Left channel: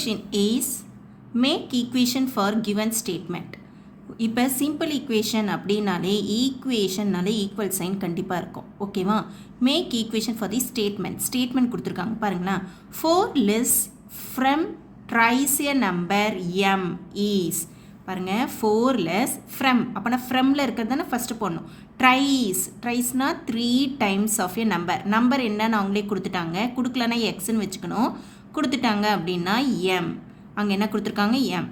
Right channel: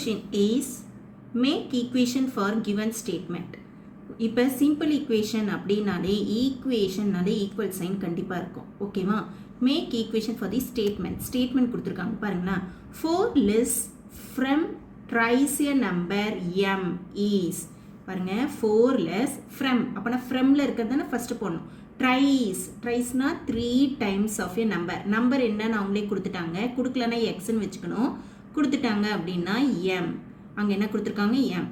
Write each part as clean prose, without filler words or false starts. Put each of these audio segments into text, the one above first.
question is make equation for given statement. இப்போ simple equation அப்படினாலே equationனாலே equal sign கண்டிப்பா இருக்கும். ஓகேவா? make equation for the statement கொடுத்திருக்காங்க பாருங்களா. 4 lists from tries a number m is பாருங்க 4 lists from அப்பனா fromல இருக்கிறதுனா first போடணும். ட்ரைஸ்னா 3 times of a number என்னன்னு அவங்களே கொடுத்துட்டாங்க. கொடுக்கலனா xன்னு வச்சுக்கணும். கொடுத்துட்டாங்க அப்படின்னா m அங்கே என்ன கொடுத்துருக்காங்க m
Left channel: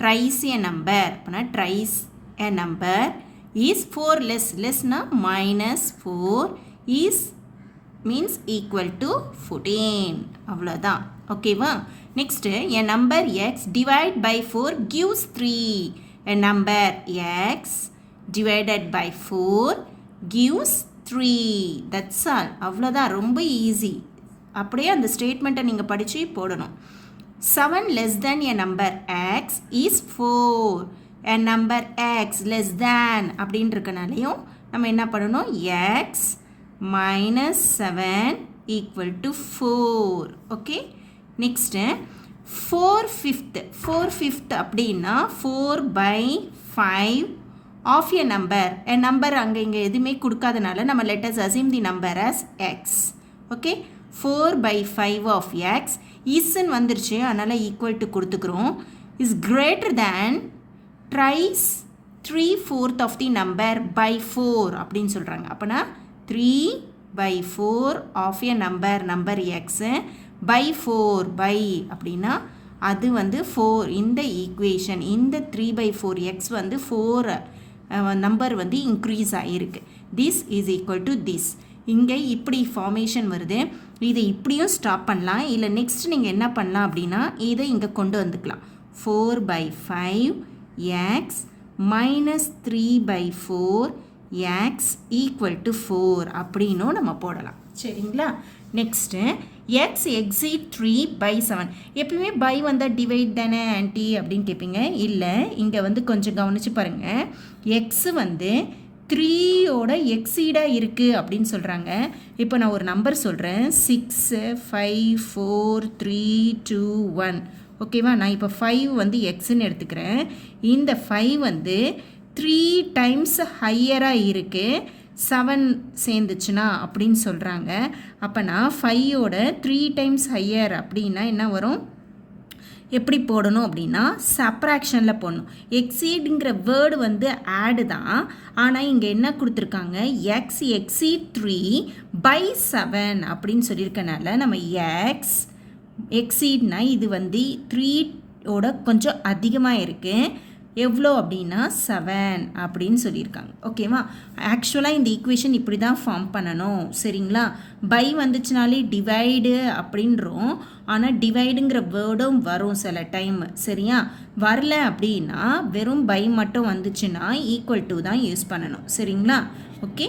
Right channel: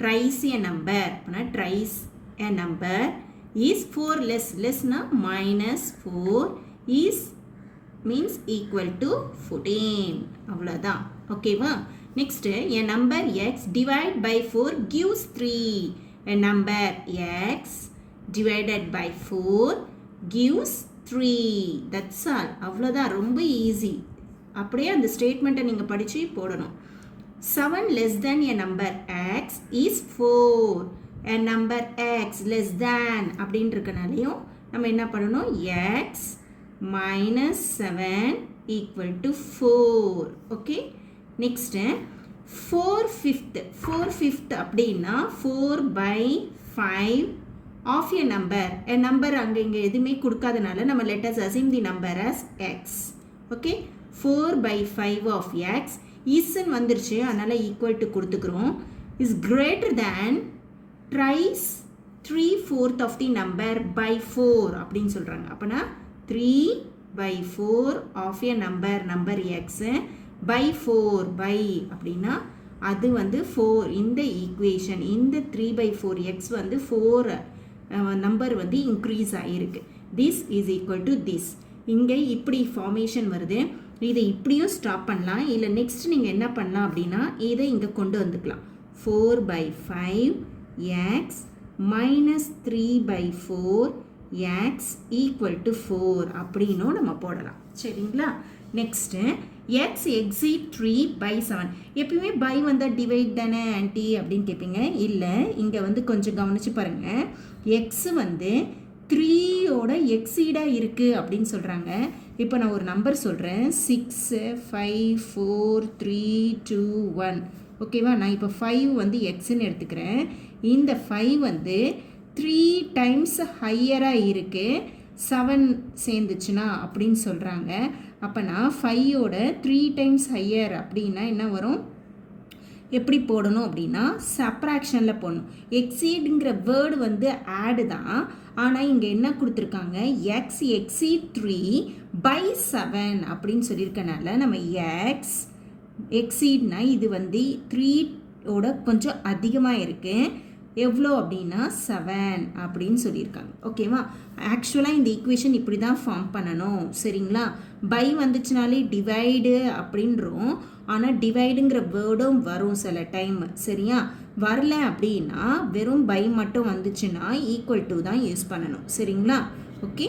tries a number அப்படின்னா tries a number is 4 lessனா -4 is means equal to 14 அவ்வளோதான். ஓகேவா? next a number x divide by 4 gives 3. a number x divided by 4 gives 3. that's all. அவ்வளோதான். ரொம்ப ஈஸி. அப்படியே அந்த ஸ்டேட்மெண்ட்டை நீங்கள் படித்து போடணும். 7 less than a number x is 4. a number x less than அப்படின்னு இருக்கனாலையும் நம்ம என்ன பண்ணணும், x minus 7 equal to 4. Okay, next 4/5 அப்படின்னா 4/5 of a number அங்கே இங்கே எதுவுமே கொடுக்காதனால நம்ம let us assume the number as x. Okay, 4/5 of x isன்னு வந்துருச்சு, அதனால் equal to கொடுத்துக்கிறோம். is greater than tries 3/4 of the number by 4 அப்படின்னு சொல்கிறாங்க. அப்போனா 3/4 of a number x by 4 by அப்படின்னா அது வந்து 4. இந்த ஈக்குவேஷன் இந்த 3/4x வந்து 4 நம்பர் வந்து இன்க்ரீஸ் ஆகிருக்கு. This is equal to this. இங்கே இப்படி ஃபார்மேஷன் வருது. இதை இப்படியும் ஸ்டாப் பண்ணலாம். இல்லை நெக்ஸ்ட் நீங்கள் என்ன பண்ணலாம் அப்படின்னா இதை இங்கே கொண்டு வந்துக்கலாம். 4/5x minus 3/4x equal to 4 அப்படின்னும் நம்ம போடலாம். சரிங்களா? Next x exceed 3/7. எப்பயுமே பை வந்தால் டிவைட் தானே ஆன்டி அப்படின்னு கேட்பீங்க. இல்லை, இங்கே வந்து கொஞ்சம் கவனித்து பாருங்கள். எக்ஸு வந்து 3யோட எக்ஸீடாக இருக்குது அப்படின்னு சொல்கிறாங்க. இப்போ நான் ஒரு நம்பர் சொல்கிறேன். 6 5 4 3 2 1. ஓகேவா? நான் இப்போ 5 வந்து எக்ஸுன்னு எடுத்துக்கிறேன். இந்த 5 வந்து 3 times ஹையராக இருக்குது, 7 சேர்ந்துச்சுன்னா அப்படின்னு சொல்கிறாங்க. அப்போ நான் 5யோட 3 times ஹையர் அப்படின்னா என்ன வரும், எப்படி போடணும் அப்படின்னா சப்ராக்ஷனில் போடணும். எக்ஸீடுங்கிற வேர்டு வந்து ஆடு தான், ஆனால் இங்கே என்ன கொடுத்துருக்காங்க, எக்ஸ் exceed 3/7 அப்படின்னு சொல்லியிருக்கனால நம்ம எக்ஸ் எக்ஸீட்னா இது வந்து 3யோட கொஞ்சம் அதிகமாக இருக்குது. எவ்வளோ அப்படின்னா 7 அப்படின்னு சொல்லியிருக்காங்க. ஓகேவா? ஆக்சுவலாக இந்த ஈக்குவேஷன் இப்படி தான் ஃபார்ம் பண்ணணும். சரிங்களா? பை வந்துச்சுனாலே டிவைடு அப்படின்றோம், ஆனால் டிவைடுங்கிற வேர்டும் வரும் சில டைம். சரியா? வரல அப்படின்னா வெறும் பை மட்டும் வந்துச்சுன்னா ஈக்குவல் டு தான் யூஸ் பண்ணணும். சரிங்களா? ஓகே,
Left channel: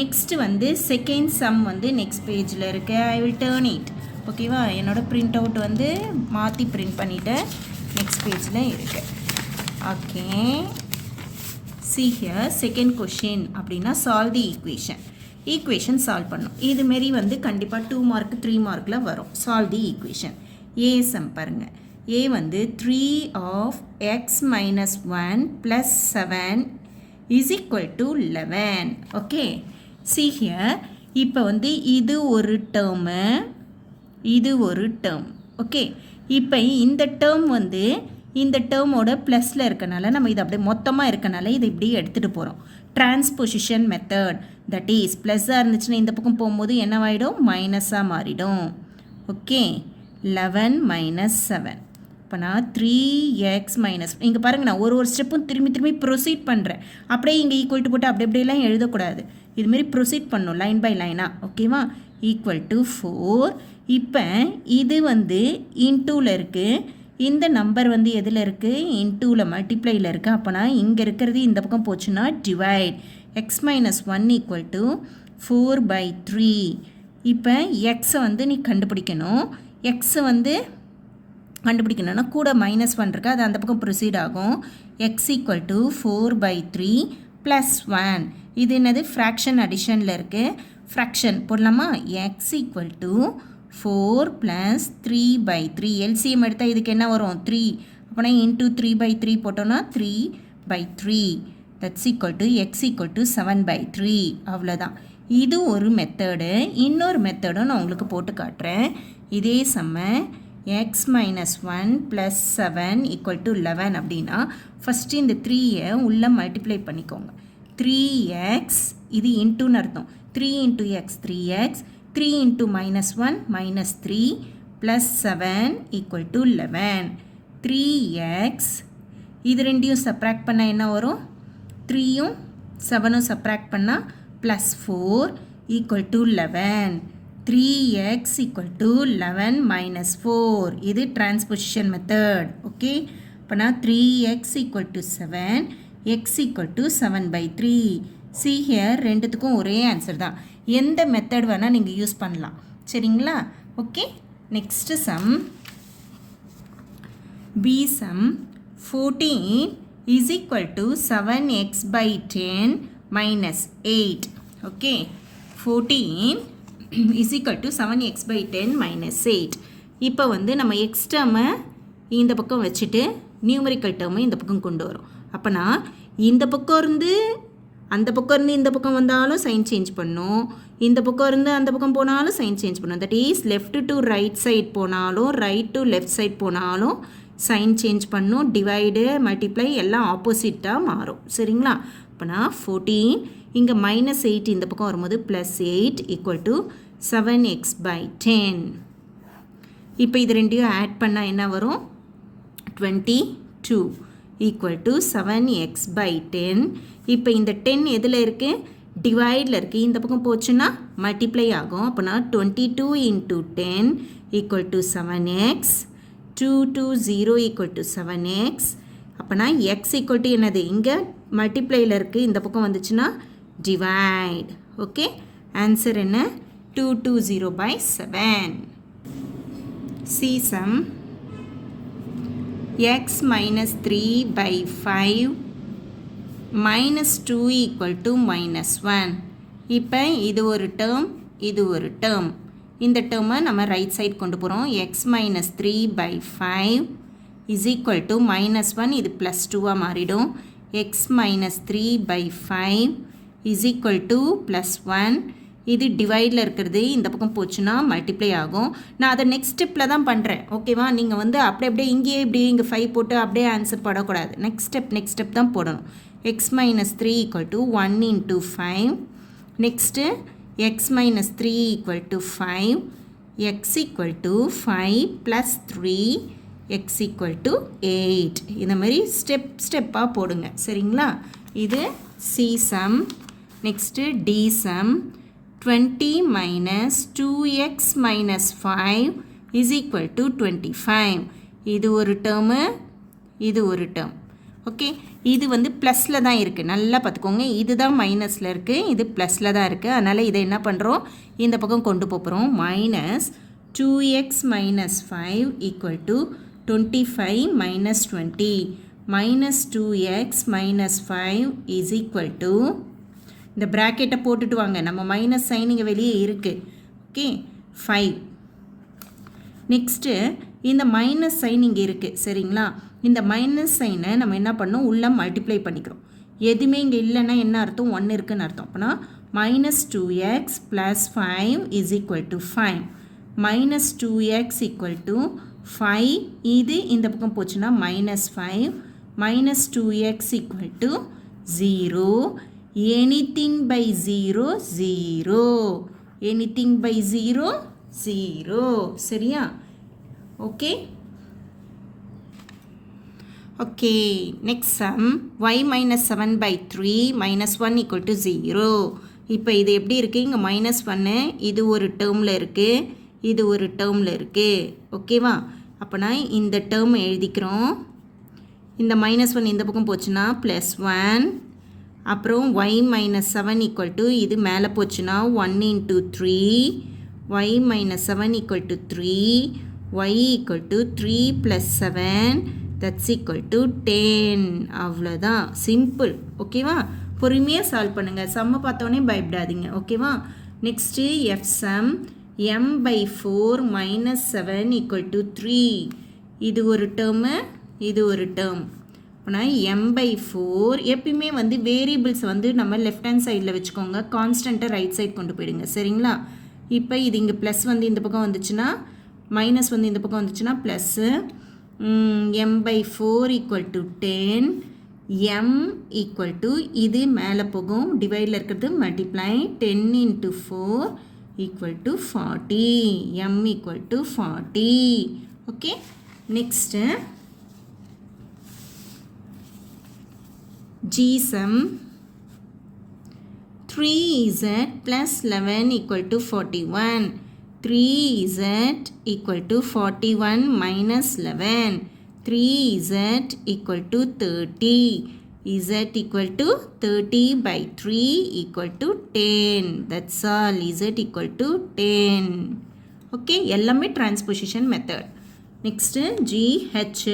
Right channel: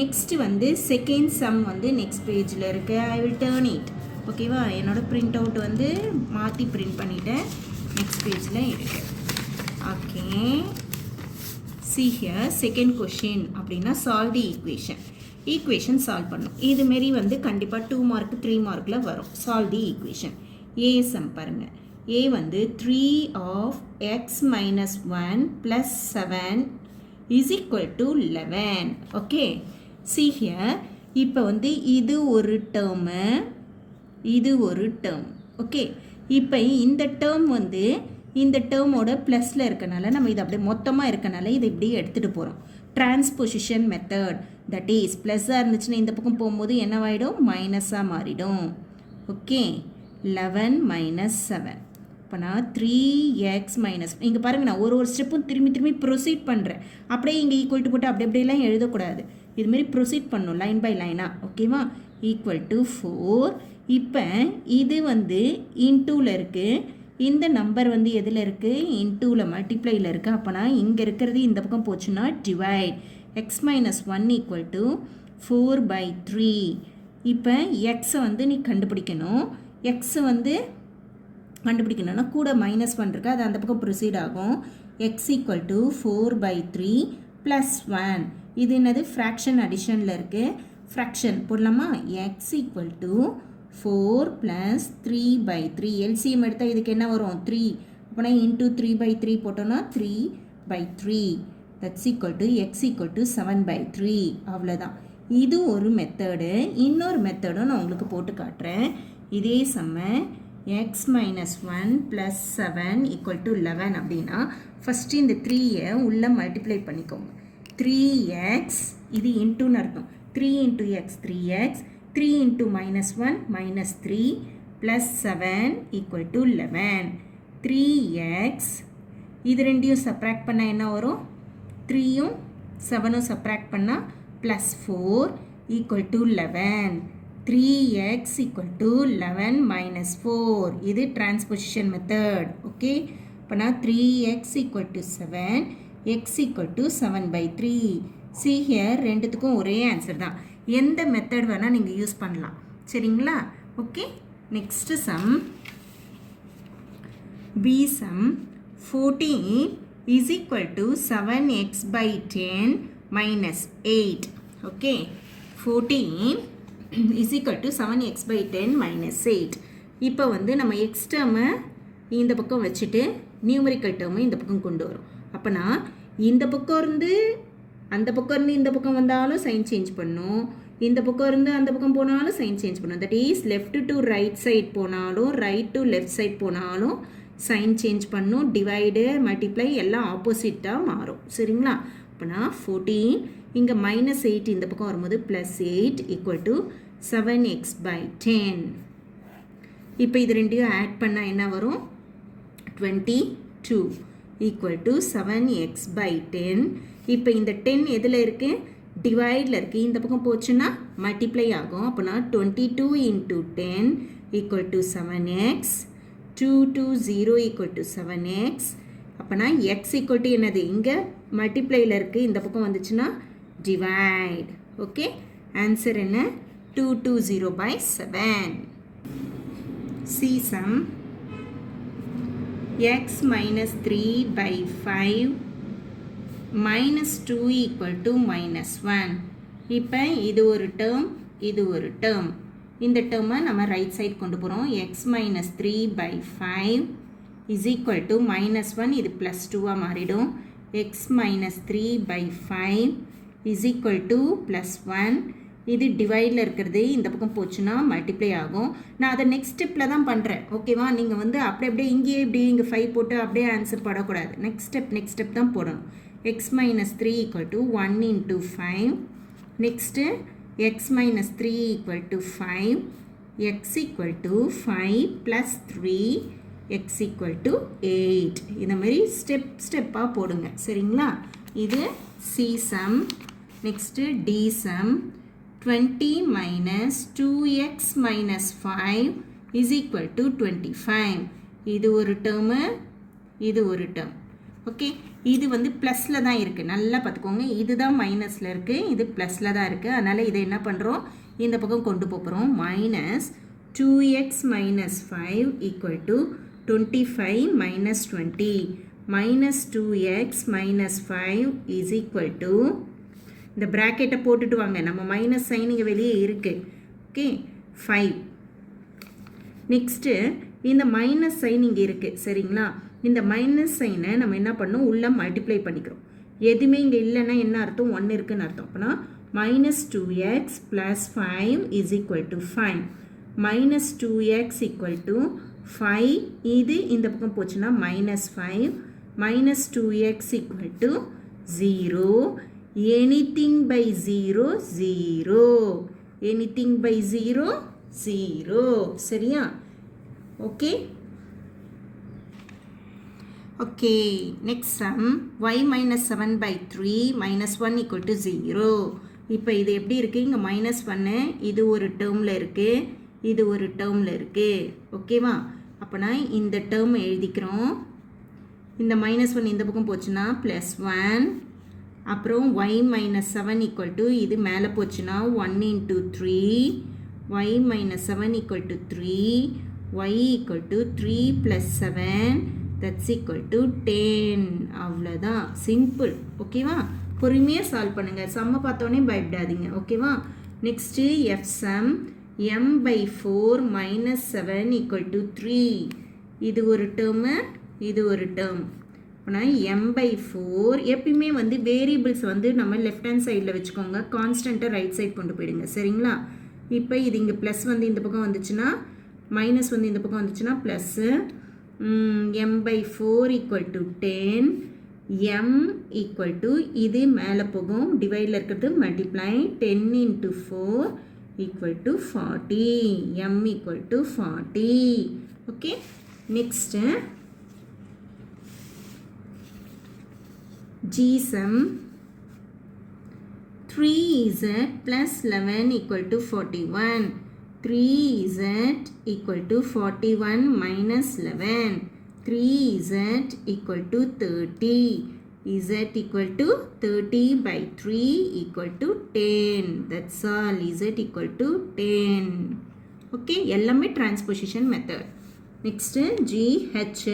நெக்ஸ்ட் வந்து செகண்ட் சம் வந்து நெக்ஸ்ட் பேஜில் இருக்கு. I will turn it. ஓகேவா? என்னோடய பிரிண்ட் அவுட் வந்து மாற்றி பிரிண்ட் பண்ணிவிட்டேன். நெக்ஸ்ட் பேஜில் இருக்கு. Okay, see here second question அப்படின்னா solve the equation சால்வ் பண்ணும். இதுமாரி வந்து கண்டிப்பாக 2 மார்க் 3 மார்க்கில் வரும். solve the equation. a sum பாருங்கள். a வந்து 3 of x minus 1 plus 7 is equal to 11. Okay, see here இப்போ வந்து இது ஒரு டேர்மு, இது ஒரு டேர்ம். ஓகே, இப்போ இந்த டேர்ம் வந்து இந்த டேர்மோட ப்ளஸில் இருக்கனால நம்ம இது அப்படியே மொத்தமாக இருக்கனால இதை இப்படியே எடுத்துகிட்டு போகிறோம். டிரான்ஸ்பொசிஷன் மெத்தட், தட் இஸ் ப்ளஸ்ஸாக இருந்துச்சுன்னா இந்த பக்கம் போகும்போது என்னவாயிடும், மைனஸாக மாறிடும். Okay, 11 minus 7. இப்போ நான் 3x minus, இங்கே பாருங்கள், நான் ஒரு ஸ்டெப்பும் திரும்பி ப்ரொசீட் பண்ணுறேன். அப்படியே இங்கே ஈக்குவல் டு போட்டு அப்படியெல்லாம் எழுதக்கூடாது. இதுமாரி ப்ரொசீட் பண்ணணும் லைன் பை லைனாக. ஓகேவா? Equal to 4. இப்போ இது வந்து இன்டூவில் இருக்குது, இந்த நம்பர் வந்து எதில் இருக்குது, இன்டூவில் மல்டிப்ளையில் இருக்குது. அப்போனா இங்கே இருக்கிறது இந்த பக்கம் போச்சுன்னா divide. x minus 1 equal to 4/3. இப்போ எக்ஸை வந்து நீ கண்டுபிடிக்கணும். எக்ஸை வந்து கண்டுபிடிக்கணும்னா கூட -1 இருக்குது, அது அந்த பக்கம் ப்ரொசீட் ஆகும். x equal to 4/3 plus 1. இது என்னது, ஃப்ராக்ஷன் அடிஷனில் இருக்குது. ஃப்ராக்ஷன் போடலாமா? x equal to 4 + 3/3 எல்சிஎம் எடுத்தால் இதுக்கு என்ன வரும் 3 அப்போனா இன்ட்டு 3/3 போட்டோன்னா 3/3 that's equal to X equal to 7/3 அவ்வளோதான். இது ஒரு மெத்தடு. இன்னொரு மெத்தடும் நான் உங்களுக்கு போட்டு காட்டுறேன். இதே சம்ம எக்ஸ் மைனஸ் 1 + 7 = 11 அப்படின்னா ஃபஸ்ட்டு இந்த 3யை உள்ளே மல்டிப்ளை பண்ணிக்கோங்க. 3x இது இன்ட்டுன்னு அர்த்தம். 3 × x 3x 3 × -1 -3 + 7 = 11. 3x இது ரெண்டையும் சப்ராக்ட் பண்ணால் என்ன வரும் 3யும் 7ம் சப்ராக்ட் பண்ணால் +4 = 11. 3x = 11 - 4 இது டிரான்ஸ்பொசிஷன் மெத்தட். ஓகே அப்போனா 3x = 7 x = 7/3. see here ரெண்டுத்துக்கும் ஒரே ஆன்சர் தான். எந்த மெத்தட் வேணால் நீங்கள் யூஸ் பண்ணலாம். சரிங்களா? Okay next sum b sum 14 = 7x/10 - 8. Okay 14 = 7x/10 - 8. இப்போ வந்து நம்ம எக்ஸ் டேர்மை இந்த பக்கம் வச்சுட்டு நியூமரிக்கல் டேர்மை இந்த பக்கம் கொண்டு வரும். அப்போனா இந்த பக்கம் இருந்து அந்த பக்கம் இருந்து இந்த பக்கம் வந்தாலும் சைன் சேஞ்ச் பண்ணும், இந்த பக்கம் இருந்து அந்த பக்கம் போனாலும் சைன் சேஞ்ச் பண்ணும். That is left to right side போனாலும் ரைட் டு லெஃப்ட் சைட் போனாலும் சைன் சேஞ்ச் பண்ணும். டிவைடு மல்டிப்ளை எல்லாம் ஆப்போசிட்டாக மாறும். சரிங்களா? அப்போனா 14 இங்கே -8 இந்த பக்கம் வரும்போது +8 = 7x/10. இப்போ இது ரெண்டையும் ஆட் பண்ணால் என்ன வரும் 22 = 7x/10. இப்போ இந்த 10 எதில் இருக்குது டிவைடில் இருக்குது. இந்த பக்கம் போச்சுன்னா மல்டிப்ளை ஆகும். அப்போனா 22 × 10 = 7x. 2 to 0 = 7x. அப்போனா x = என்னது இங்கே மல்டிப்ளையில் இருக்குது, இந்த பக்கம் வந்துச்சுன்னா டிவைட். ஓகே ஆன்சர் என்ன 220/7. see sum x - 3/5 -2 = -1. இப்போ இது ஒரு டேர்ம் இது ஒரு டேர்ம். இந்த டேர்மை நம்ம ரைட் சைட் கொண்டு போகிறோம். x - 3/5 = -1 இது +2 மாறிடும். x - 3/5 = +1 இது டிவைடில் இருக்கிறது இந்த பக்கம் போச்சுன்னா மல்டிப்ளை ஆகும். நான் அதை நெக்ஸ்ட் ஸ்டெப்பில் தான் பண்ணுறேன். ஓகேவா? நீங்கள் வந்து அப்படியே இங்கேயே இங்கே 5 போட்டு அப்படியே ஆன்சர் போடக்கூடாது. நெக்ஸ்ட் ஸ்டெப் தான் போடணும். x - 3 = 1 × 5. Next x - 3 = 5. x = 5 + 3 x = 8. இந்த மாதிரி ஸ்டெப்பாக போடுங்க. சரிங்களா? இது c sum. Next d sum 20 - 2x - 5 = 25. இது ஒரு டேர்மு இது ஒரு டேர்ம். ஓகே இது வந்து ப்ளஸில் தான் இருக்குது. நல்லா பார்த்துக்கோங்க. இது தான் மைனஸில் இருக்குது, இது ப்ளஸில் தான் இருக்குது. அதனால் இதை என்ன பண்ணுறோம் இந்த பக்கம் கொண்டு போகிறோம். -2x - 5 = 25 - 20. -2x - 5 = இந்த ப்ராக்கெட்டை போட்டுட்டு வாங்க. நம்ம மைனஸ் சைன் இங்கே வெளியே இருக்குது. ஓகே 5. நெக்ஸ்ட்டு இந்த மைனஸ் சைன் இங்கே இருக்குது. சரிங்களா? இந்த மைனஸ் சைனை நம்ம என்ன பண்ணோம் உள்ள மல்டிப்ளை பண்ணிக்கிறோம். எதுவுமே இங்கே இல்லைன்னா என்ன அர்த்தம் 1 இருக்குன்னு அர்த்தம். அப்போனா -2x + 5 = 5. -2x = 5 இது இந்த பக்கம் போச்சுன்னா -5. -2x = 0. anything by 0 0. anything by 0 0. சரியா? Okay okay next sum y - 7/3 -1 = 0. இப்போ இது எப்படி இருக்குது இங்கே -1 இது ஒரு டேர்மில் இருக்குது, இது ஒரு டேர்மில் இருக்குது. ஓகேவா? அப்போனா இந்த டேர்ம் எழுதிக்கிறோம். இந்த -1 இந்த பக்கம் போச்சுன்னா +1. அப்புறம் y - 7 = இது மேலே போச்சுன்னா 1 × 3. y - 7 = 3. y = 3 + 7 that's = 10. அவ்வளோதான். சிம்பிள். ஓகேவா? பொறுமையாக சால்வ் பண்ணுங்கள். சம்மை பார்த்தோன்னே பயப்படாதீங்க. ஓகேவா? Next f sum m by 4 minus 7 equal to 3. இது ஒரு term, இது ஒரு term. அப்போனா m by 4 எப்பயுமே வந்து வேரியபிள்ஸ் வந்து நம்ம லெஃப்ட் ஹேண்ட் சைடில் வச்சுக்கோங்க, கான்ஸ்டண்ட்டை ரைட் சைட் கொண்டு போயிடுங்க. சரிங்களா? இப்போ இது இங்கே ப்ளஸ் வந்து இந்த பக்கம் வந்துச்சுன்னா மைனஸ் வந்து இந்த பக்கம் வந்துச்சுன்னா plus m by 4 equal to 10, m equal to இது மேலே போகும், டிவைடில் இருக்கிறது multiply 10 into 4 equal to 40, m equal to 40. okay, next G sum 3z plus 11 equal to 41. 3z equal to 41 minus 11. 3z equal to 30. Z equal to 30 by 3 equal to 10. That's all. Z equal to 10. Okay, எல்லாமே transposition method. Next G H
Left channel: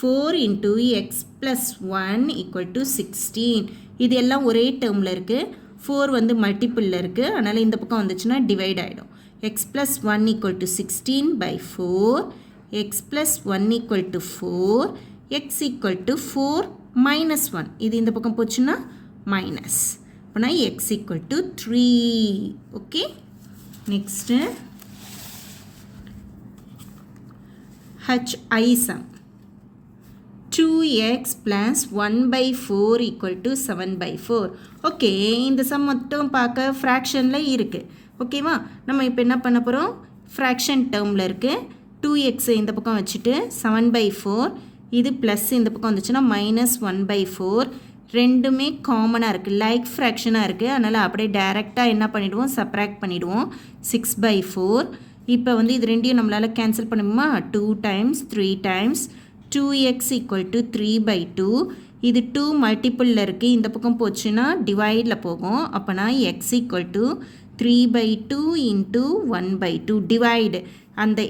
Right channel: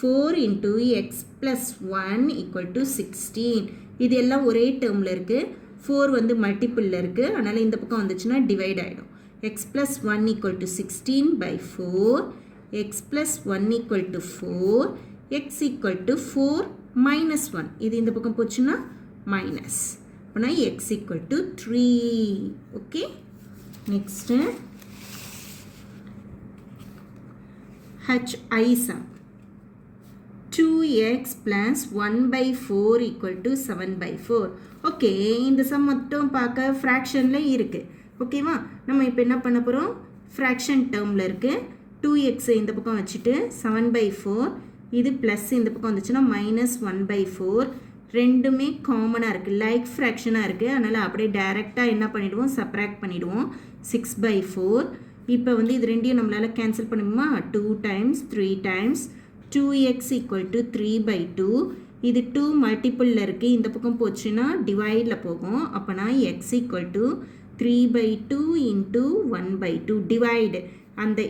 4 into x plus 1 equal to 16. இது எல்லாம் ஒரே டேர்மில் இருக்குது. 4 வந்து மல்டிப்பிளில் இருக்குது, அதனால் இந்த பக்கம் வந்துச்சுன்னா டிவைட் ஆகிடும். x plus 1 equal to 16 by 4, x plus 1 equal to 4, x equal to 4 minus 1. இது இந்த பக்கம் போச்சுன்னா மைனஸ், அப்போனா x equal to 3. Okay, next HI sum 2x plus 1 by 4 equal to 7 by 4. Okay, இந்த சம் மட்டும் பார்க்க ஃப்ராக்ஷனில் இருக்குது. ஓகேவா? நம்ம இப்போ என்ன பண்ண போகிறோம், ஃப்ராக்ஷன் டேர்மில் இருக்குது. 2x இந்த பக்கம் வச்சுட்டு 7 by 4, இது ப்ளஸ் இந்த பக்கம் வந்துச்சுன்னா மைனஸ் 1 by 4. ரெண்டுமே காமனாக இருக்குது, லைக் ஃப்ராக்ஷனாக இருக்குது. அதனால் அப்படியே டைரெக்டாக என்ன பண்ணிவிடுவோம், சப்ராக்ட் பண்ணிவிடுவோம். 6 by 4. இப்போ வந்து இது ரெண்டையும் நம்மளால் கேன்சல் பண்ணுமா, 2 times 3 times 2x equal to 3 by 2. இது 2 மல்டிப்பிளில் இருக்குது, இந்த பக்கம் போச்சுன்னா டிவைடில் போகும். அப்போனா x equal to 3 by 2 into 1 by 2 divide.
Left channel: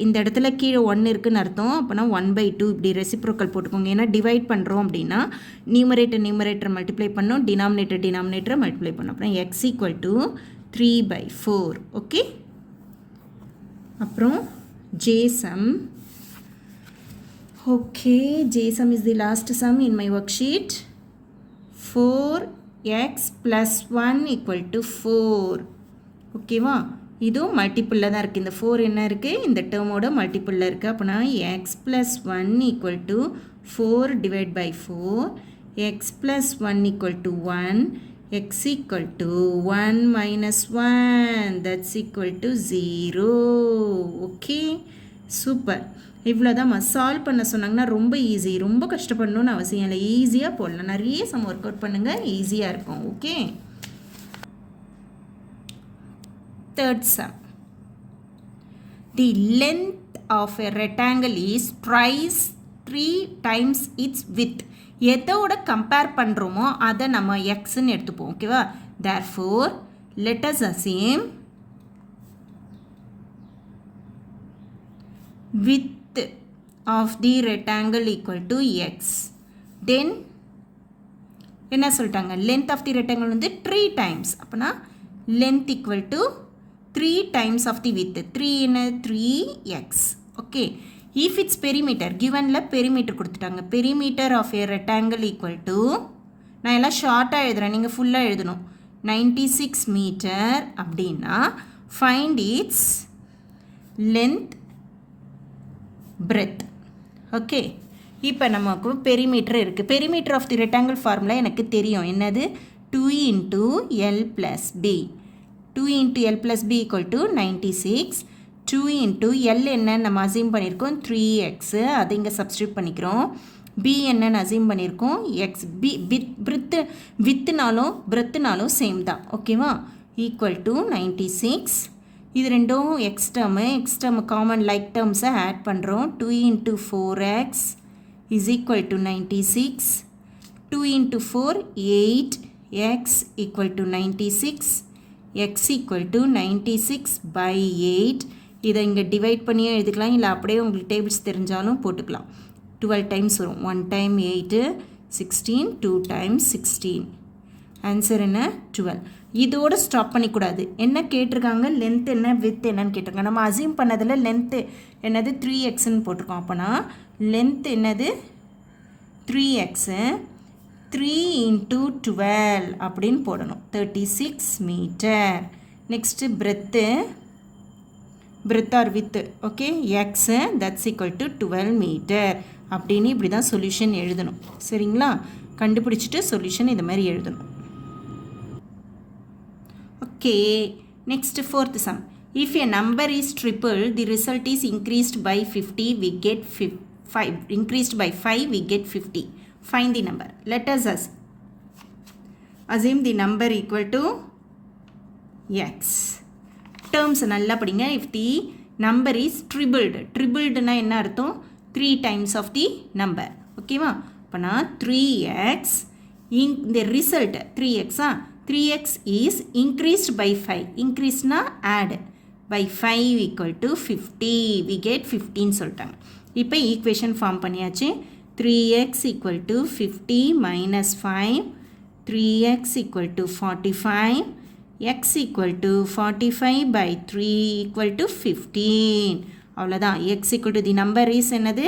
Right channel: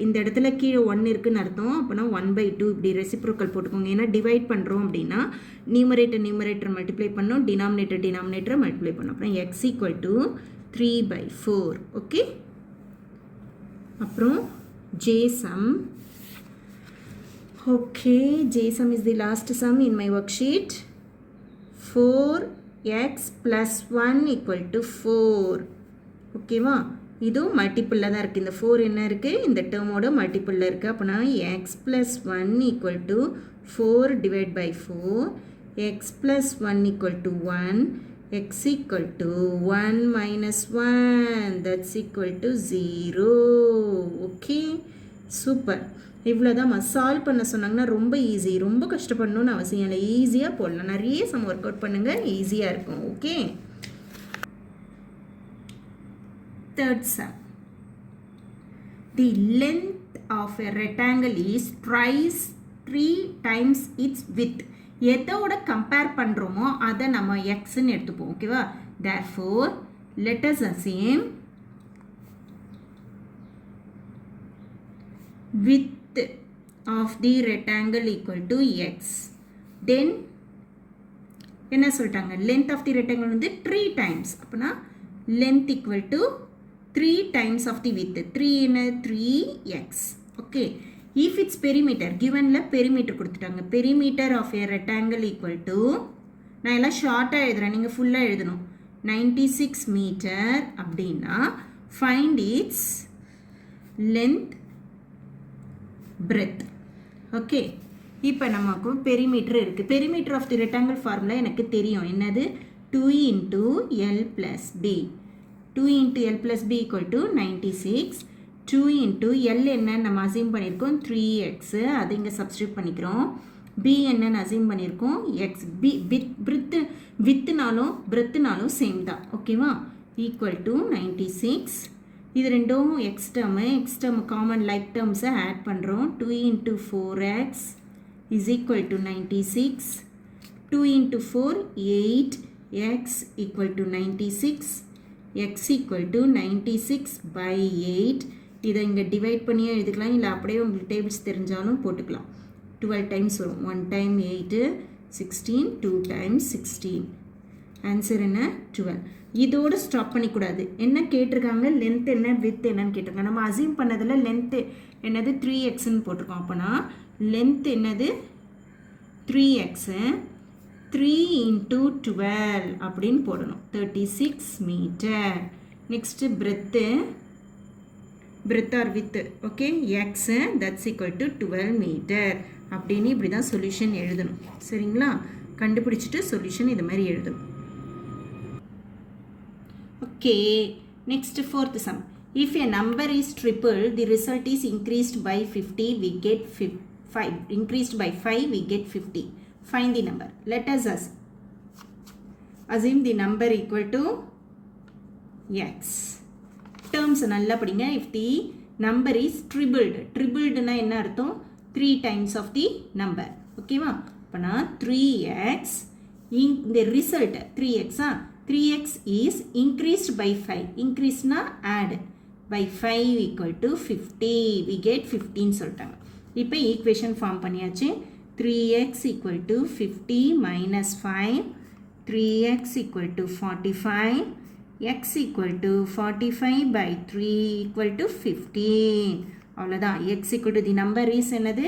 இந்த இடத்துல கீழே 1 இருக்குன்னு அர்த்தம். அப்போனா 1 by 2 இப்படி ரெசிப்ரோக்கல் போட்டுக்கோங்க. ஏன்னா டிவைட் பண்ணுறோம் அப்படின்னா நியூமரேட்டர் மல்டிப்ளை பண்ணோம், டினாமினேட்டரை மல்டிப்ளை பண்ணோம். அப்புறம் x equal to 3 by 4. Okay, அப்புறம் J sum. Okay, J sum is the last sum in my worksheet. 4x plus 1 equal to 4. ஓகேவா? இதுவும் மல்டிப்பிளில் தான் இருக்குது. இந்த 4 என்ன இருக்குது, இந்த டேர்மோட மல்டிப்பிளில் இருக்குது. அப்போனா x plus 1 equal to 4 divided by 4. x plus 1 equal to 1. x equal to 1 minus 1. That's equal to 0. Okay, super. இவ்வளோ தான். சால்வ் பண்ண சொன்னாங்கன்னா ரொம்ப ஈஸி, ரொம்ப கஷ்டப்படணும்னு அவசியம் இல்லை, ஈஸியாக போடலாம். நிறைய சம் ஒர்க் அவுட் பண்ணுங்கள், ஈஸியாக இருக்கும். Okay, third sum. The length of a rectangle is twice 3 times its width. எதோட கம்பேர் பண்ணுறோமோ அதை நம்ம எக்ஸ்ன்னு எடுத்துப்போம். ஓகேவா? therefore let us assume width of the rectangle equal to x. then என்ன சொல்லிட்டாங்க, length of the rectangle வந்து 3 times. அப்போனா length equal to 3 times of the width. 3 என்ன, 3x. okay, if its perimeter givenல perimeter கொடுத்துட்டாங்க, perimeter of a rectangle equal to, நான் எல்லாம் ஷார்ட்டாக எழுதுறேன், நீங்கள் ஃபுல்லாக எழுதணும், 96 மீட்டர் அப்படின்னா find its length breadth. Okay, இப்போ நமக்கு பெரிமீட்டர் இருக்குது. Perimeter of the rectangle formula எனக்கு தெரியும், என்னது, 2 into L plus B. 2 into L plus B equal to 96. 2 into L என்ன நம்ம அசீம் பண்ணியிருக்கோம், 3x, அது இங்கே சப்ஸ்டியூட் பண்ணிக்கிறோம். B என்னன்னு அசீம் பண்ணியிருக்கோம், x. B வித்துனாலும் பிரெத்துனாலும் சேம் தான். ஓகேவா? Equal to 96. இது ரெண்டும் எக்ஸ் டேர்ம் காமன் லைக் டேர்ம்ஸை ஆட் பண்ணுறோம். 2 into 4x is equal to 96. 2 into 4 8, x equal to 96. x equal to 96 by 8. இதை இங்கே டிவைட் பண்ணியே எழுதிக்கலாம், இல்லை அப்படியே உங்களுக்கு டேபிள்ஸ் தெரிஞ்சாலும் போட்டுக்கலாம். 12 times வரும். 1 time 8, 16, 2 times 16. ஆன்சர் என்ன, 12. இதோட ஸ்டாப் பண்ணிக்கூடாது. என்ன கேட்டிருக்காங்க, லென்த் என்ன வித் என்னன்னு கேட்டிருக்காங்க. நம்ம அசியூம் பண்ணதில் லென்த்து என்னது 3xன்னு போட்டிருக்கோம். அப்போனா லென்த் என்னது 3x, 3 into 12 அப்படின்னு போடணும், 36 metre. Next breadth or width, okay, x that's equal to 12 metre அப்படின்னு இப்படி தான் சொல்யூஷன் எழுதணும். சரிங்களா? கண்டுபிடிச்சிட்டு சொல்யூஷன் இந்த மாதிரி எழுதணும். Okay, next fourth sum. If a number is triple, the result is increased by 50, we get 5. Increased by 5, we get 50. Find the number. Let us assume the number equal to x. Terms நல்லா படிங்க. If the number is tripled னா என்ன அர்த்தம்? 3 times of the number. ஓகேவா? அப்பனா 3x in the result 3x is increased by 5. Increase na add by 5 equal to 50. We get 15 சொல்லிட்டாங்க. இப்போ equation form பண்ணியாச்சு. 3x equal to 50 minus 5, 3x equal to 45, x equal to 45 by 3 equal to 15. அவ்வளோதான். x equal to the number is என்னது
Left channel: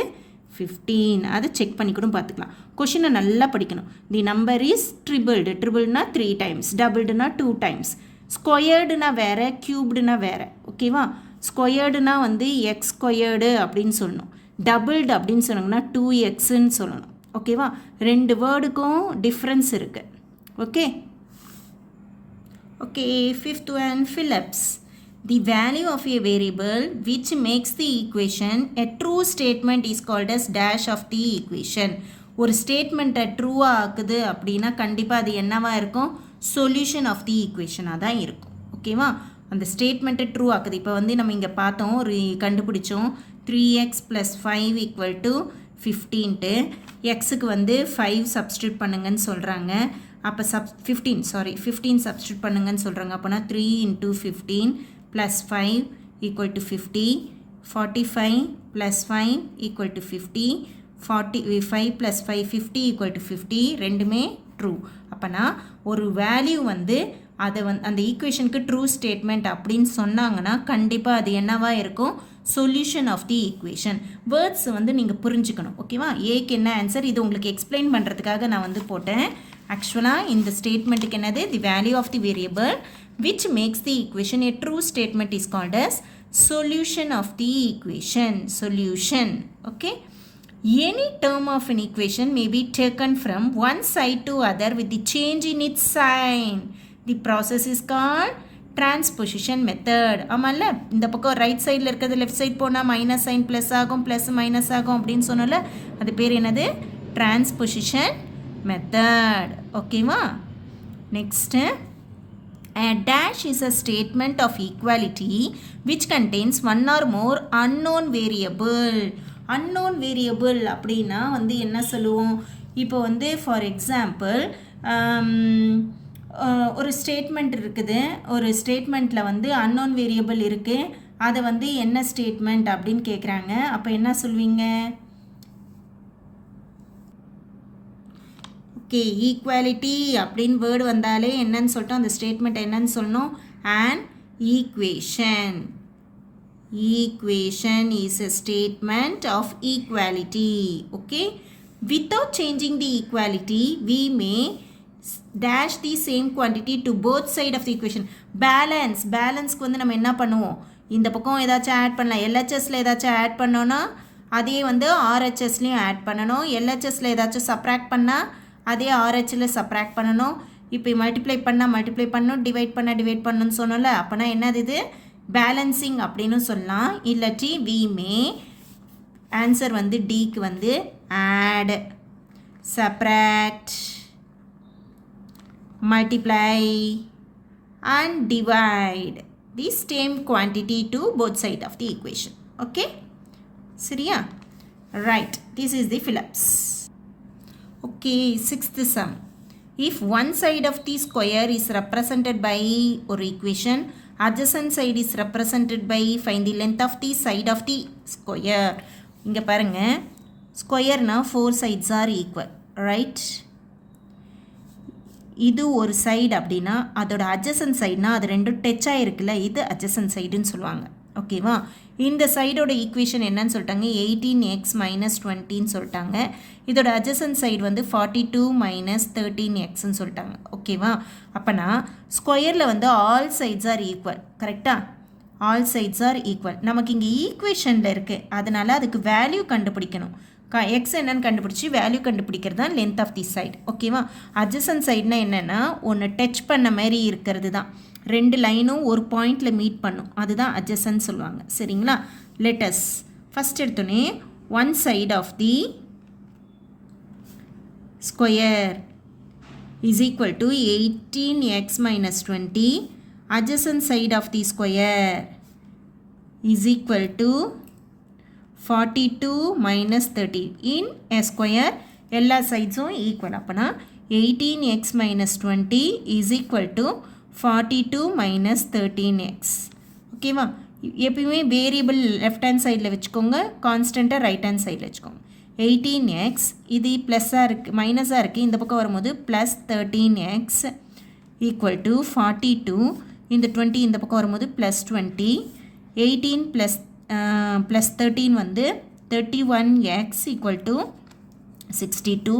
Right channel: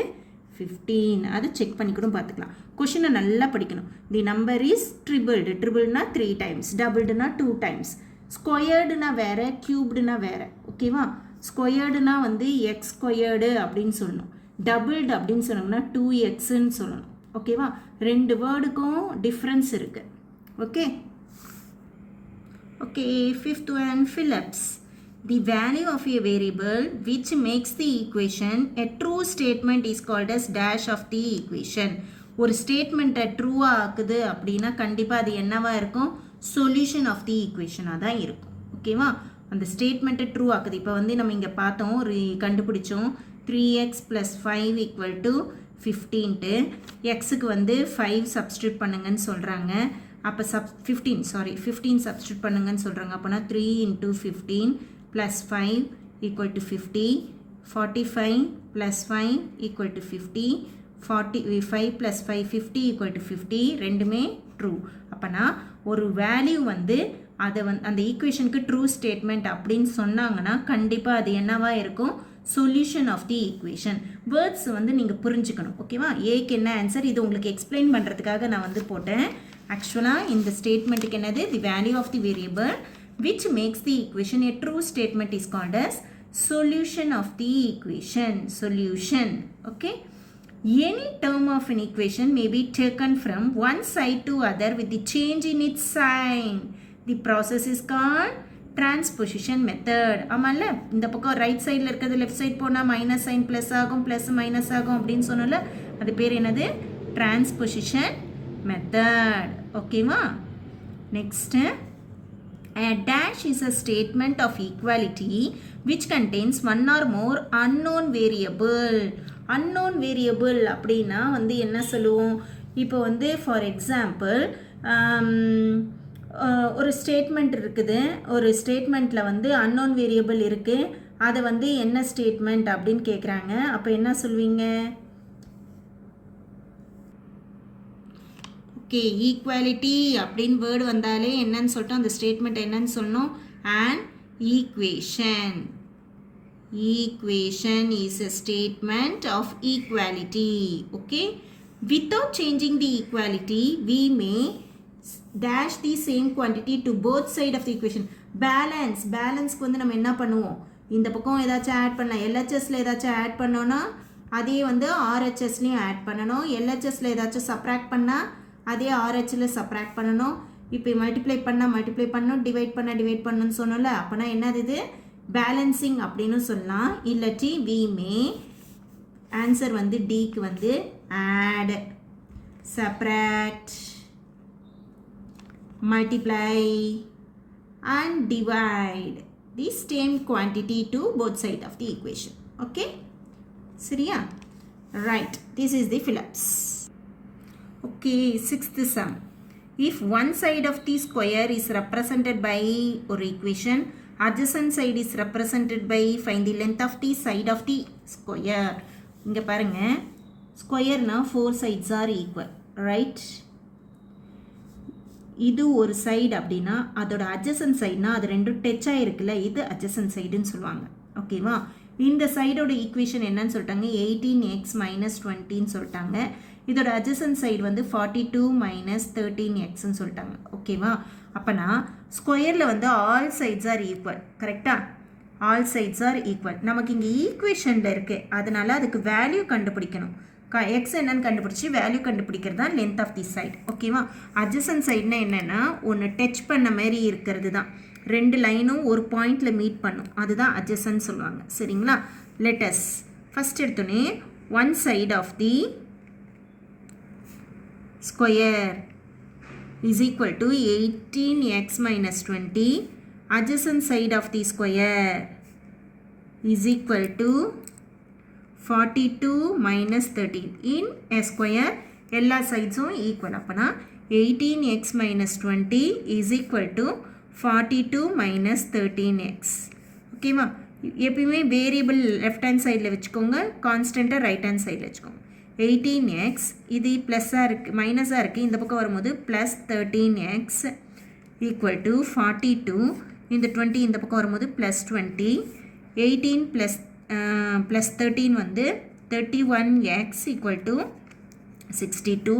15. அதை check பண்ணிக்கணும், பார்த்துக்கலாம். கொஷினை நல்லா படிக்கணும். தி நம்பர் இஸ் ட்ரிபிள்னா 3 times, டபுள்டுனா 2 times, ஸ்கொயர்டுனா வேறு, க்யூப்டுனா வேறு. ஓகேவா? ஸ்கொயர்டுனா வந்து எக்ஸ் ஸ்கொயர்டு அப்படின்னு சொல்லணும். டபுள்டு அப்படின்னு சொன்னோம்னா 2xன்னு சொல்லணும். ஓகேவா? ரெண்டு வேர்டுக்கும் டிஃப்ரென்ஸ் இருக்குது. Okay okay. Fifth one, Philips. The value of a variable which makes the equation a true statement is called as dash of the equation. ஒரு ஸ்டேட்மெண்ட்டை ட்ரூவாக ஆக்குது அப்படின்னா கண்டிப்பாக அது என்னவாக இருக்கும்? சொல்யூஷன் ஆஃப் தி ஈக்குவேஷனாக தான் இருக்கும். ஓகேவா? அந்த ஸ்டேட்மெண்ட்டை ட்ரூ ஆக்குது. இப்போ வந்து நம்ம இங்கே பார்த்தோம், கண்டுபிடிச்சோம் 3x + 5 = 15. எக்ஸுக்கு வந்து 5 சப்ஸ்டியூட் பண்ணுங்கன்னு சொல்கிறாங்க. அப்போ 15 சப்ஸ்டியூட் பண்ணுங்கன்னு சொல்கிறாங்க. அப்போனா 3 × 15 + 5 = 50. 45 + 5 = 50. 45 + 5 50 = 50. ரெண்டுமே ட்ரூ. அப்போனா ஒரு வேல்யூ வந்து அதை அந்த ஈக்குவேஷனுக்கு ட்ரூ ஸ்டேட்மெண்ட் அப்படின்னு சொன்னாங்கன்னா கண்டிப்பாக அது என்னவாக இருக்கும்? Solution of the equation. Words வந்து நீங்கள் புரிஞ்சுக்கணும். ஓகேவா? ஏக்கு என்ன ஆன்சர், இது உங்களுக்கு எக்ஸ்பிளைன் பண்ணுறதுக்காக நான் வந்து போட்டேன். ஆக்சுவலாக இந்த ஸ்டேட்மெண்ட்டுக்கு என்னது? The value of the variable which makes the equation a true statement is called as solution of the equation. Solution. Okay. Any term of an equation may be taken from one side to other with the change in its sign. The process is called transposition method. ஆமாம்ல, இந்த பக்கம் right சைடில் இருக்கிறது left side போனால் minus sign plus ஆகும், plus minus ஆகும் அப்படின்னு சொன்னோம்ல, அது பேர் என்னது? Transposition method. ஓகேவா? Next, a dash is a statement of equality which contains one or more unknown variable. unknown variable அப்படின்னா வந்து என்ன சொல்லுவோம்? இப்போ வந்து ஃபார் எக்ஸாம்பிள் ஒரு ஸ்டேட்மெண்ட் இருக்குது. ஒரு ஸ்டேட்மெண்ட்டில் வந்து unknown variable இருக்குது. அதை வந்து என்ன ஸ்டேட்மெண்ட் அப்படின்னு கேட்குறாங்க. அப்போ என்ன சொல்வீங்க? ஓகே, ஈக்குவாலிட்டி அப்படின்னு வேர்டு வந்தாலே என்னன்னு சொல்லிட்டோம், அந்த ஸ்டேட்மெண்ட் என்னன்னு சொல்லணும்? an equation. Equation is a statement of equality. Okay, without changing the equality we may dash the same quantity to both side of the equation. பேலன்ஸ்க்கு வந்து நம்ம என்ன பண்ணுவோம்? இந்த பக்கம் ஏதாச்சும் ஆட் பண்ணலாம். எல்ஹெச்எஸில் ஏதாச்சும் ஆட் பண்ணோன்னா அதே வந்து ஆர்ஹெச்எஸ்லேயும் ஆட் பண்ணணும். எல்ஹெச்எஸில் ஏதாச்சும் சப்ராக்ட் பண்ணால் அதே ஆர்ஹெச்சில் சப்ராக்ட் பண்ணணும். இப்போ மல்டிப்ளை பண்ணணும், டிவைட் பண்ணணும்னு சொன்னோம்ல. அப்போனா என்னது இது? பேலன்சிங் அப்படின்னு சொல்லலாம். இல்லாட்டி வி மே ஆன்சர் வந்து டிக்கு வந்து add, subtract, multiply and divide the same quantity to both side of the equation. Okay, சரியா? Right, this is the flips. Okay, sixth sum. If one side of the square is represented by or equation, adjacent side is represented by, find the length of the side of the square. இங்க பாருங்க, square na 4 sides are equal, right? இது ஒரு side அப்படின்னா அதோட adjacent சைடுனா அது ரெண்டும் touch ஆகிருக்குல்ல, இது adjacent சைடுன்னு சொல்லுவாங்க. ஓகேவா? இந்த சைடோட ஈக்குவேஷன் என்னன்னு சொல்லிட்டாங்க, 18x மைனஸ் 20ன்னு சொல்லிட்டாங்க. இதோட அட்ஜசன்ட் சைடு வந்து 42 மைனஸ் 13xன்னு சொல்லிட்டாங்க. ஓகேவா? அப்போனா ஸ்கொயரில் வந்து ஆல் சைட்ஸ் ஆர் ஈக்குவல். கரெக்டாக? All sides are equal. நமக்கு இங்கே ஈக்குவேஷனில் இருக்குது, அதனால் அதுக்கு வேல்யூ கண்டுபிடிக்கணும். எக்ஸ் என்னன்னு கண்டுபிடிச்சி வேல்யூ கண்டுபிடிக்கிறது தான் லென்த் ஆஃப் தி சைட். ஓகேவா? அட்ஜசன்ட் சைட்னா என்னென்னா ஒன்று டச் பண்ண மாதிரி இருக்கிறது தான். ரெண்டு லைனும் ஒரு பாயிண்டில் மீட் பண்ணும், அதுதான் அட்ஜசன்ட் சொல்லுவாங்க. சரிங்களா? லெட்டஸ் ஃபஸ்ட் எடுத்தோன்னே one side of the square is equal to 18x minus 20. Adjacent side of the square is equal to 42 minus 13. In a square, எல்லா சைட்ஸும் ஈக்குவல். அப்போனா 18x minus 20 is equal to 42 minus 13x. ஓகேவா? எப்பயுமே variable left hand சைடில் வச்சுக்கோங்க, கான்ஸ்டண்ட்டாக right hand சைடில் வச்சுக்கோங்க. 18x இது ப்ளஸ்ஸாக இருக்குது, மைனஸாக இருக்குது, இந்த பக்கம் வரும்போது ப்ளஸ் 13x ஈக்குவல் டு 42. இந்த 20 இந்த பக்கம் வரும்போது ப்ளஸ் 20. 18 ப்ளஸ் 13 வந்து 31x equal to 62.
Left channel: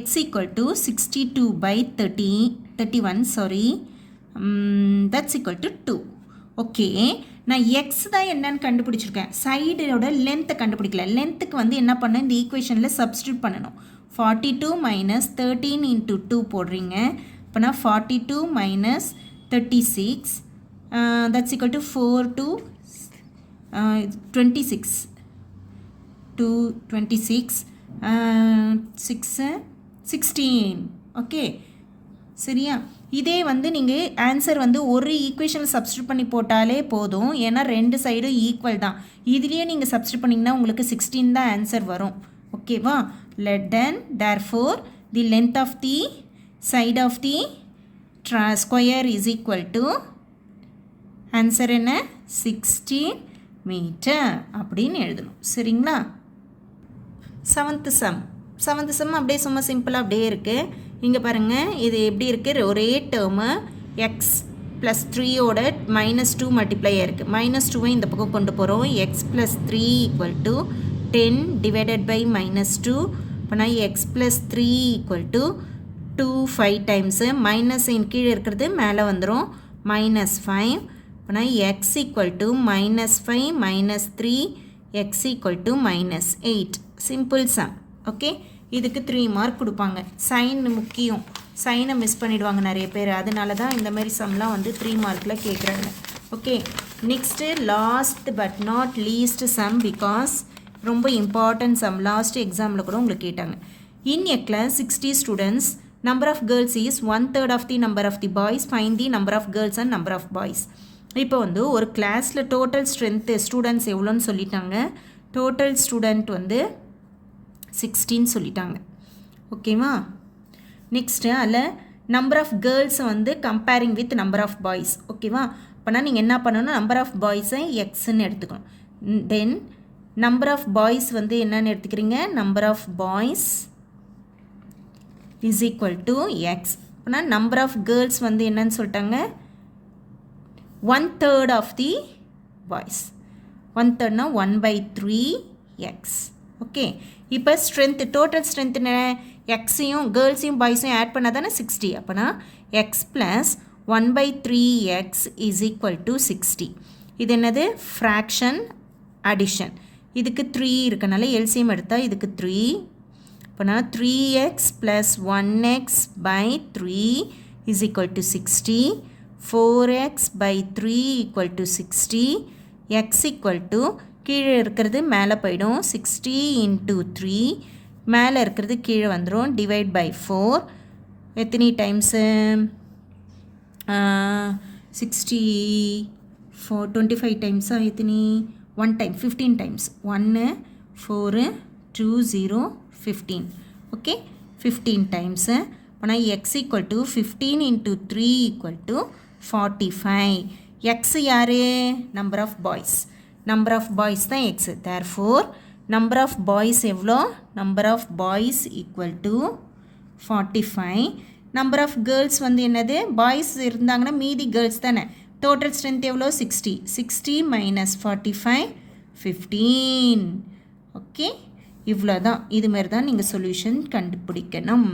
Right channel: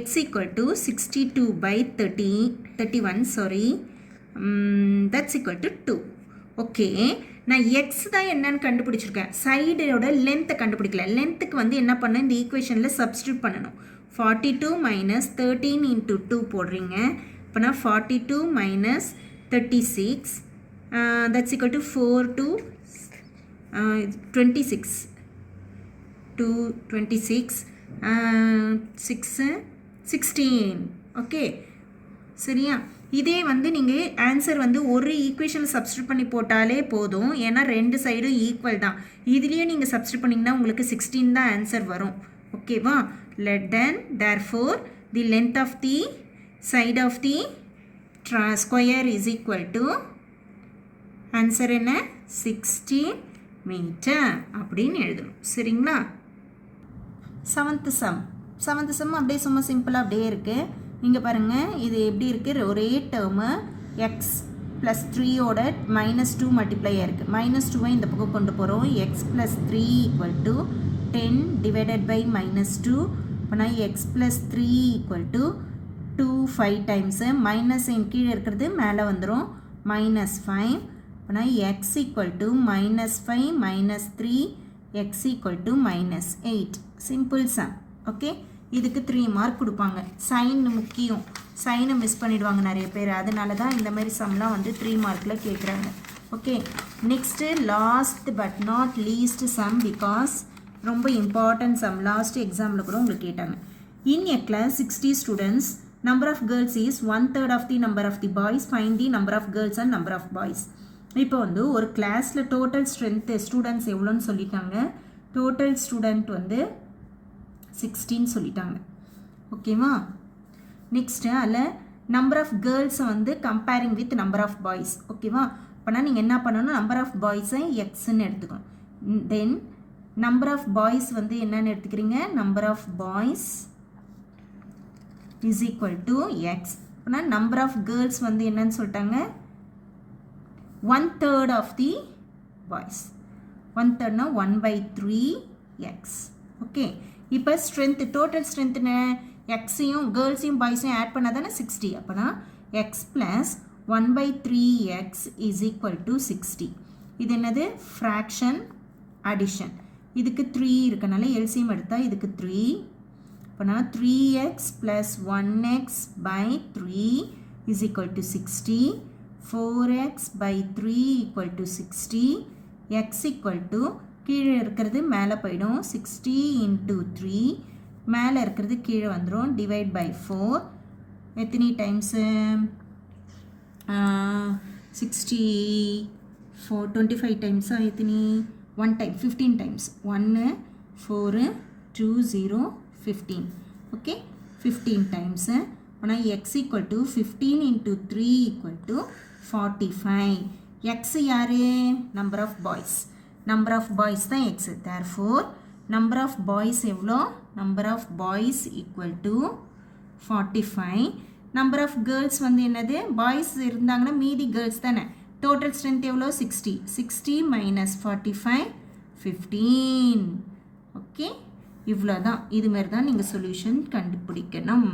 x equal to 62 by 31 sorry, that's equal to 2. Okay, நான் எக்ஸ் தான் என்னன்னு கண்டுபிடிச்சிருக்கேன், சைடோட லென்த்தை கண்டுபிடிக்கல. லென்த்துக்கு வந்து என்ன பண்ணணும், இந்த ஈக்குவேஷனில் சப்ஸ்டியூட் பண்ணணும். 42 மைனஸ் 13 இன்ட்டு 2 போடுறீங்க. அப்போனா 42 minus 36, that's equal to 4 to 26, 2 26 6 16. Okay, சரியா? இதே வந்து நீங்கள் ஆன்சர் வந்து ஒரு ஈக்குவேஷனில் சப்ஸ்டியூட் பண்ணி போட்டாலே போதும், ஏன்னா ரெண்டு சைடும் ஈக்குவல் தான். இதுலேயே நீங்கள் சப்ஸ்டியூட் பண்ணிங்கன்னா உங்களுக்கு 16 தான் ஆன்சர் வரும். ஓகேவா? Let then therefore the length of the side of the square is equal to answer என்ன, 60 மீட்டர் அப்படின்னு எழுதணும். சரிங்களா? செவன்த் சம் அப்படியே சும்மா சிம்பிளாக அப்படியே இருக்குது. இங்கே பாருங்கள், இது எப்படி இருக்குது, ஒரே டேர்மு எக்ஸ் ப்ளஸ் 3யோட -2 மல்டிப்ளை இருக்குது. -2 இந்த பக்கம் கொண்டு போகிறோம். X plus 3 equal to 10 divided by -2. அப்போனா x plus 3 equal to 2 5 times, minus கீழே இருக்கிறது மேலே வந்துடும், -5. அப்போனா x equal to -5 -3, x equal to -8. Simple sum. Okay, இதுக்கு 3 மார்க் கொடுப்பாங்க. சைன் முக்கியம், சைனை மிஸ் பண்ணிடுவாங்க நிறைய பேர், அதனால தான் இந்த மாதிரி சம்லாம் வந்து 3 மார்க்கில் கேட்குறாங்க. Okay, next last but not least sum, because ரொம்ப இம்பார்ட்டன்ட் சம், லாஸ்ட் எக்ஸாமில் கூட உங்களுக்கு கேட்டாங்க. In a class 60 students, number of girls is 1/3 of the number of the boys, find the number of girls and number of boys. இப்போ வந்து ஒரு கிளாஸில் total strength students எவ்வளோன்னு சொல்லிட்டாங்க. டோட்டல் ஸ்டூடெண்ட் வந்து 16 சொல்லிட்டாங்க. ஓகேவா? நெக்ஸ்ட்டு அதில் நம்பர் ஆஃப் கேர்ள்ஸை வந்து comparing with number of boys. ஓகேவா? அப்போனா நீங்கள் என்ன பண்ணணும், நம்பர் ஆஃப் பாய்ஸை எக்ஸ்ன்னு எடுத்துக்கணும். தென் நம்பர் ஆஃப் பாய்ஸ் வந்து என்னன்னு எடுத்துக்கிறீங்க, number of boys is equal to x. அப்போனா நம்பர் ஆஃப் கேர்ள்ஸ் வந்து என்னன்னு சொல்லிட்டாங்க, 1/3 of the boys. 1/3 1/3x. Okay, இப்போ ஸ்ட்ரென்த், டோட்டல் ஸ்ட்ரென்த் எக்ஸையும் கேர்ள்ஸையும் பாய்ஸையும் ஆட் பண்ணால் தானே 60. அப்போனா x plus 1/3x is equal to 60. இது என்னது, ஃப்ராக்ஷன் அடிஷன். இதுக்கு 3 இருக்கனால எல்சிஎம் எடுத்தால் இதுக்கு 3. அப்போனா 3x plus 1x by 3 is equal to 60. 4x by 3 equal to 60. x equal to கீழே இருக்கிறது மேலே போயிடும், 60 into 3, மேலே இருக்கிறது கீழே வந்துடும், டிவைட் பை 4. எத்தனை டைம்ஸு, 64 25 டைம்ஸாக எத்தனை, 1 டைம் 15 டைம்ஸ், 1 4 2 0 15. Okay, 15 times. அப்போனா x equal to 15 into 3 equal to 45. x யாரு, number of boys, number of boys தான் x. Therefore number of boys எவ்வளோ, number of boys equal to 45. Number of girls வந்து என்னது boys இருந்தாங்கன்னா மீதி girls தானே total strength எவ்வளோ 60 minus 45 15 ஓகே இவ்வளோ தான் இது மாதிரி தான் நீங்கள் சொல்யூஷன் கண்டுபிடிக்கணும்